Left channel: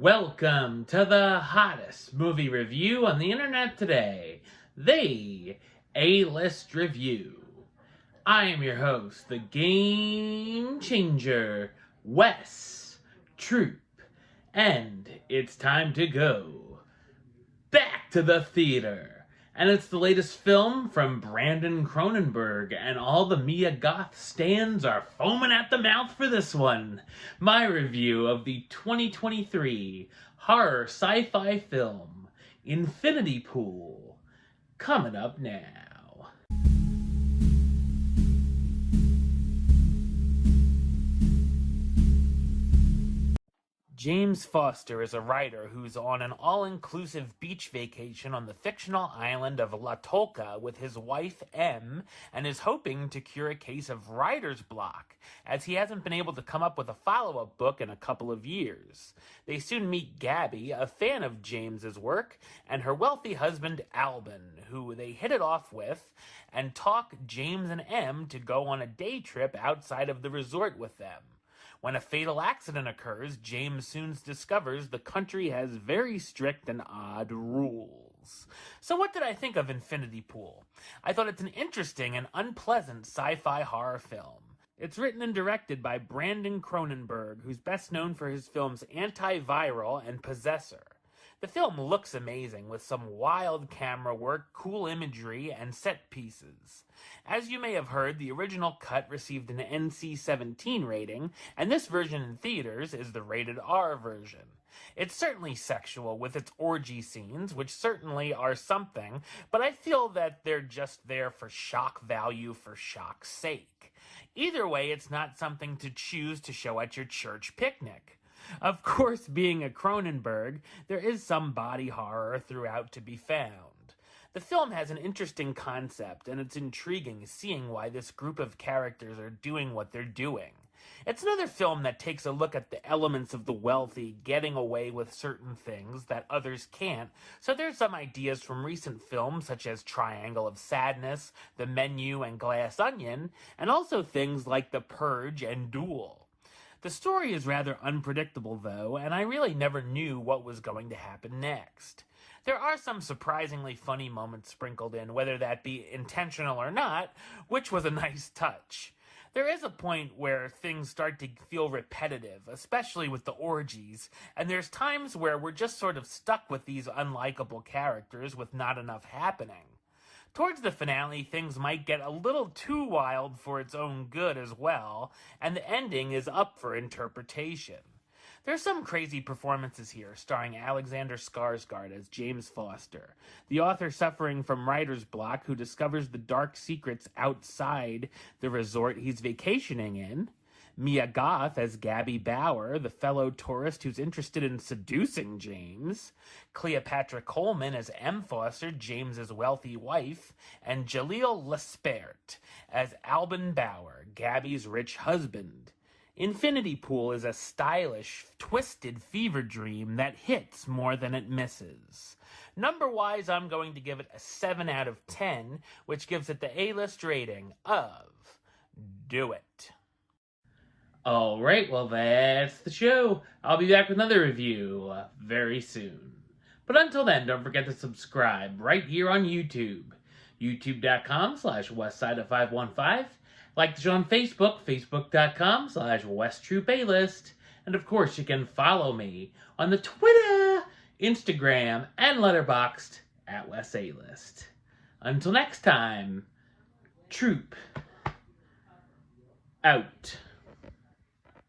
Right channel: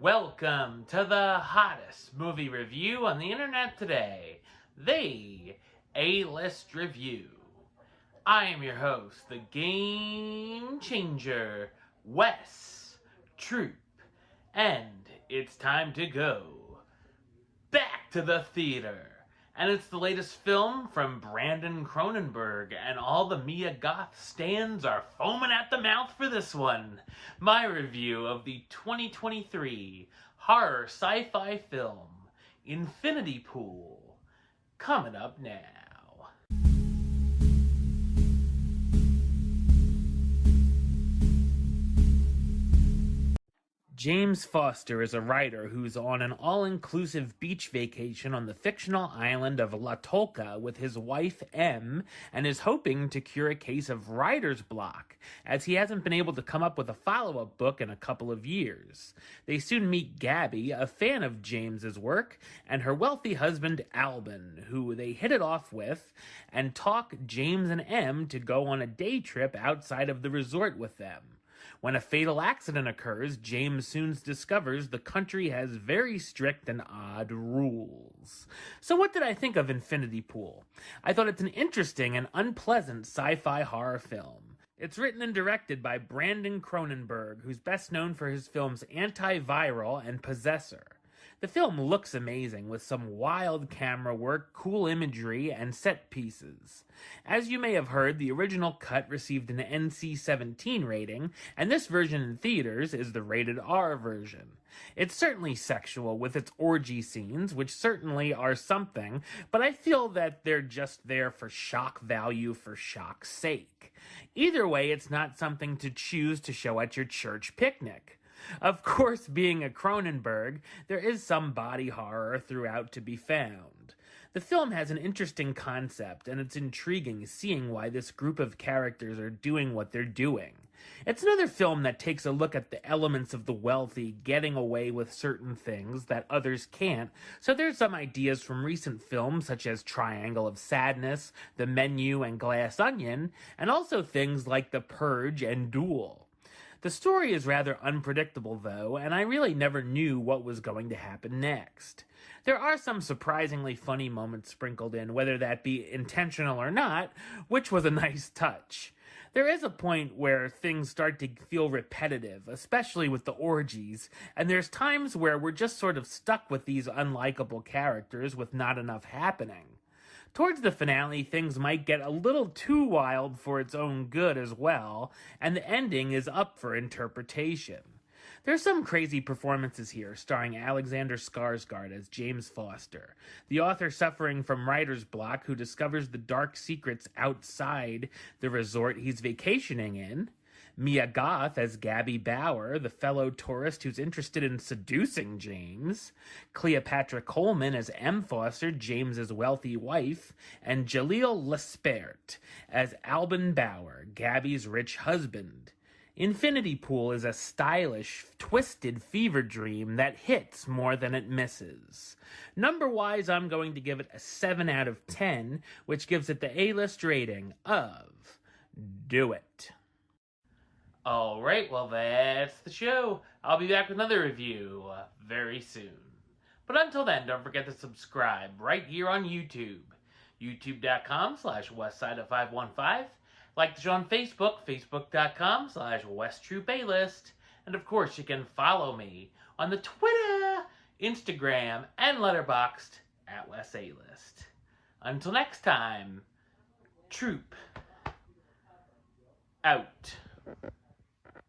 Welcome to the hottest movie review on the internet today, the A-List Review. I am your host, the Game Changer, Wes Troop, and it's time to go back to the theater. And it's the latest film from Brandon Cronenberg, and all the Mia Goth stans are foaming at the mouth for this one. My review of the 2023 horror sci-fi film, Infinity Pool, coming up now. James Foster is a writer who's on an all-inclusive beach vacation on the fictional island of La Tolca with his wife Em, and is hoping to cure a case of writer's block, as he hasn't been able to come up with a follow-up book in a couple of years. They soon meet Gabby, a fan of James's work, and her wealthy husband Albin, who they hit it off with, and talk James and Em to go on a day trip outside of the resort with them. When a fatal accident occurs, James soon discovers the country has very strict and odd rules. So what did I think of Infinity Pool? I thought it's an interesting and unpleasant sci-fi horror film. It's written and directed by Brandon Cronenberg, who's best known for his films Antiviral and Possessor. The film looks amazing, with some wild camera work, cool imagery, and set pieces. As you may have heard, the original cut received an NC-17 rating, and this version in theaters is the rated R version. It's certainly sexual with its orgy scenes, which certainly are something, but I feel that they're just there for shock value for shock's sake. Either way, it's not something to choose to show at your church picnic. Of course, being a Cronenberg, there is some body horror throughout to be found. The film has an interesting concept, and it's intriguing seeing why this group of characters are doing what they're doing. It's another film that takes a look at the elements of the wealthy getting away with certain things that others can't, so there's some ideas from recent films such as Triangle of Sadness, The Menu, and Glass Onion, and also things like The Purge and Duel. The story is rather unpredictable, though, and I really never knew what was going to happen next. There are some surprisingly funny moments sprinkled in, whether that be intentional or not, which was a nice touch. There is a point where things start to feel repetitive, especially with the orgies, and there's times where we're just sort of stuck with these unlikable characters with not enough happening. Towards the finale, things might get a little too wild for its own good as well, and the ending is up for interpretation. There's some crazy performances here, starring Alexander Skarsgård as James Foster, the author suffering from writer's block who discovers the dark secrets outside the resort he's vacationing in, Mia Goth as Gabby Bauer, the fellow tourist who's interested in seducing James, Cleopatra Coleman as Em Foster, James's wealthy wife, and Jaleel Lespert as Albin Bauer, Gabby's rich husband. Infinity Pool is a stylish, twisted fever dream that hits more than it misses. Number-wise, I'm going to give it a 7 out of 10, which gives it the A-list rating of Do It. Alright, well that's the show. I'll be back with another review very soon. But until then, don't forget to subscribe right here on YouTube. youtube.com/westside515. Like the show on Facebook, facebook.com/WesTroopAlist. And of course, you can follow me on the Twitter, Instagram, and Letterboxd at WesAlist. Until next time, Troop out.